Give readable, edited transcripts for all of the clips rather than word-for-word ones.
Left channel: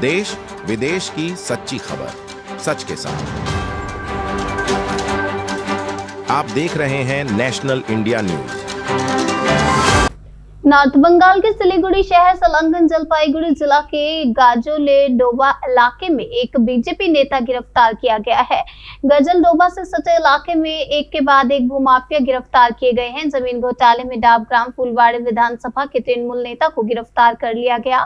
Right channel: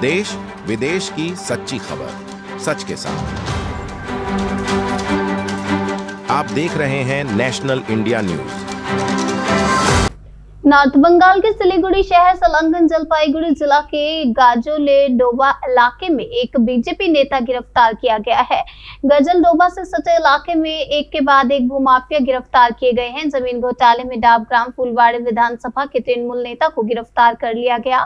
देश विदेश की सच्ची खबर सच के साथ। आप देख रहे हैं national India news. North Bengal के सिलीगुड़ी शहर संलग्न जलपाईगुड़ी जिला के गाजोलेडोबा इलाके में एक बीजेपी नेता गिरफ्तार किया गया है। गजलडोबा से सटे इलाके में एक के बाद एक भूमाफिया गिरफ्तार किए गए हैं। जमीन घोटाले में डाबग्राम फुलवाड़ी विधानसभा के तृणमूल नेता को गिरफ्तार कर लिया गया।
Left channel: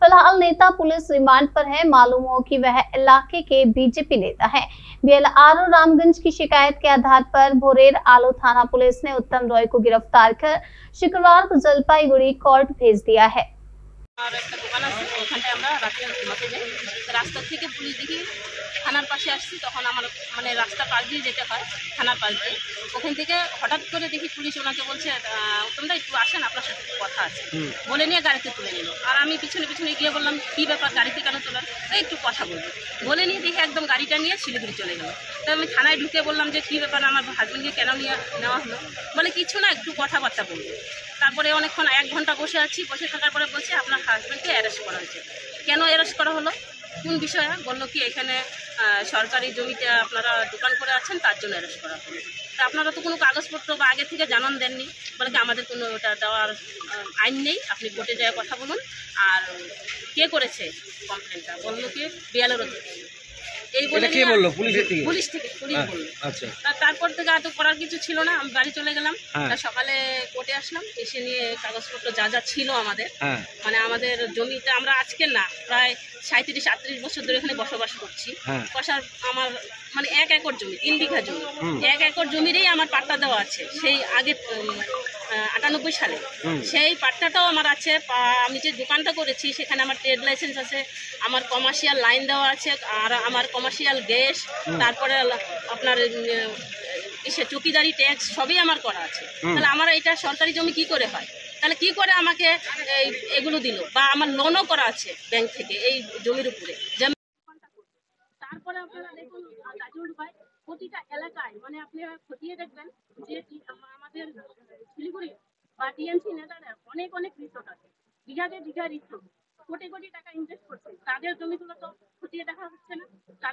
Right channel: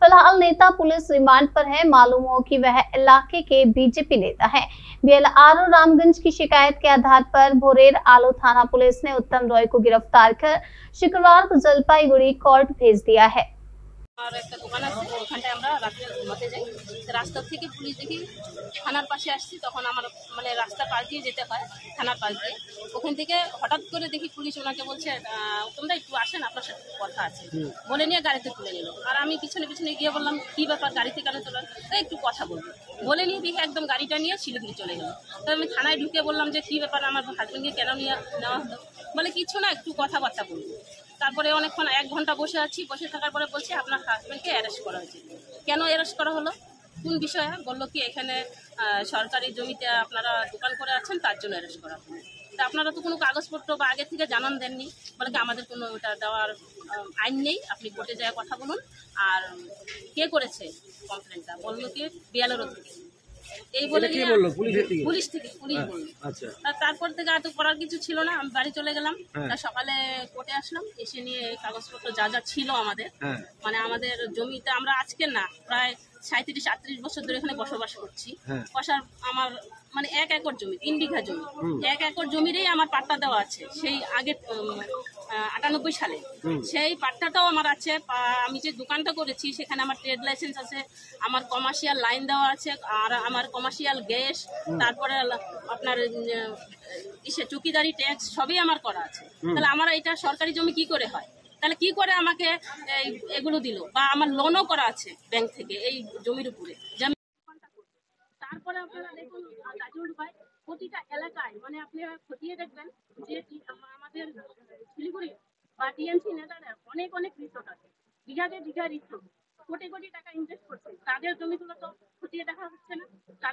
फिलहाल नेता पुलिस रिमांड पर है। मालूम हो कि वह इलाके के बीजेपी नेता है। बीएलआरओ रामगंज की शिकायत के आधार पर भोरेर आलो थाना पुलिस ने उत्तम रॉय को गिरफ्तार कर शुक्रवार को जलपाईगुड़ी कोर्ट भेज दिया है। আর একটা দোকান আছে, ওখানটায় আমরা রাতে ঘুমাতে যাই। রাস্তা থেকে পুলিশ দেখি থানার পাশে আসছি, তখন আমার মানে রাস্তা পাশ দিয়ে যেতে হয় থানার পাশ দিয়ে। ওখান থেকে হঠাৎ করে দেখি পুলিশ ওনাকে বলছে, উত্তমদা একটু আসেন, আপনার সাথে কথা আছে, বলে নিয়ে গাড়িতে তুলে নিল। আর আমি পিছনে পিছনে গিয়ে বললাম, কী ব্যাপার, গাড়িতে কেন তোলার, একটু কথা বলবো, বলে নিয়ে দেখি একদম গাড়িটা নিয়ে শিলিগুড়ি চলে গেল। তো আমি থানায় ঢুকে বললাম যে কী ব্যাপার, আমার হাজব্যান্ডকে কেন নেওয়া হলো, বলে কিছু না, একটু কথাবার্তা বলবো। তারপরে অনেকক্ষণ 1 ঘন্টা বসে আছি, বসে থাকার পরে বলছে আপনার হাজব্যান্ডকে অ্যারেস্ট করা হয়েছে। কেন অ্যারেস্ট করা হলো, কোন বিষয়ে, বললো কি এখানে সরকারি জমিতে আপনারা দোকান করে আছেন, তার জন্য অ্যারেস্ট করা হলো। তা আপনারা তো কোনো কাগজপত্র বা আগে থেকে জানান দেননি, বলে কি আমাদের কোনো ওটা দেওয়ার আইন নেই, আপনি কোর্টে যায় কথা বলুন। আর কে করেছে কমপ্লেনটা, বললো কি বিএলআরও থেকে। এই বলে পুলিশ বললো। তারপর থেকে আর তো করার কিছু ছিল না, আমি বাড়ি চলে গেলাম। সকালে কোর্টে আসলাম, এসে নিয়ে কাগজপত্র যা যা ছিল আমাদের, মানে আমাদের জমিতে আমরা আজকে না প্রায় 37-38 বছর ধরে এখানে বসবাস করছি। কষার আমার মানে 1 একর জমি, 3 বিঘা জমি, 1 একর জমিরই আমার পাট্টা দেওয়া আছে সেই আগে 98 সালে। সেই পাট্টাটাও আমার আছে। আমি যে দোকানটা করেছি সেখানে আমার ট্রেড লাইসেন্স আছে, আমার কমার্শিয়াল লাইন দেওয়া আছে, আর আমার কমার্শিয়াল গ্যাস, তারপরে আপনার চৌকিদারি ট্যাক্স সবই আমার করা আছে। তাহলে আমার এটা সরকারি জমি কি করে হয়? তাহলে কি করে আমাকে এগুলো দিল? বা আমার লোনও করা আছে ব্যাংক থেকে এই জমির উপরে। তারপরে আপনারা দেখুন গাজলডোবায় প্রতিটা এলাকায়, মানে আপনি খতিয়ে দেখবেন যে আমাদের শিলিগুড়ি বা টিএমসি নেতারা অনেক রিসোর্ট আছে, বিঘা রিসোর্ট, কোটি টাকা ইনভেস্ট করছে, তাদের জমিগুলো তো খতিয়ে দেখা হচ্ছে না। তাদের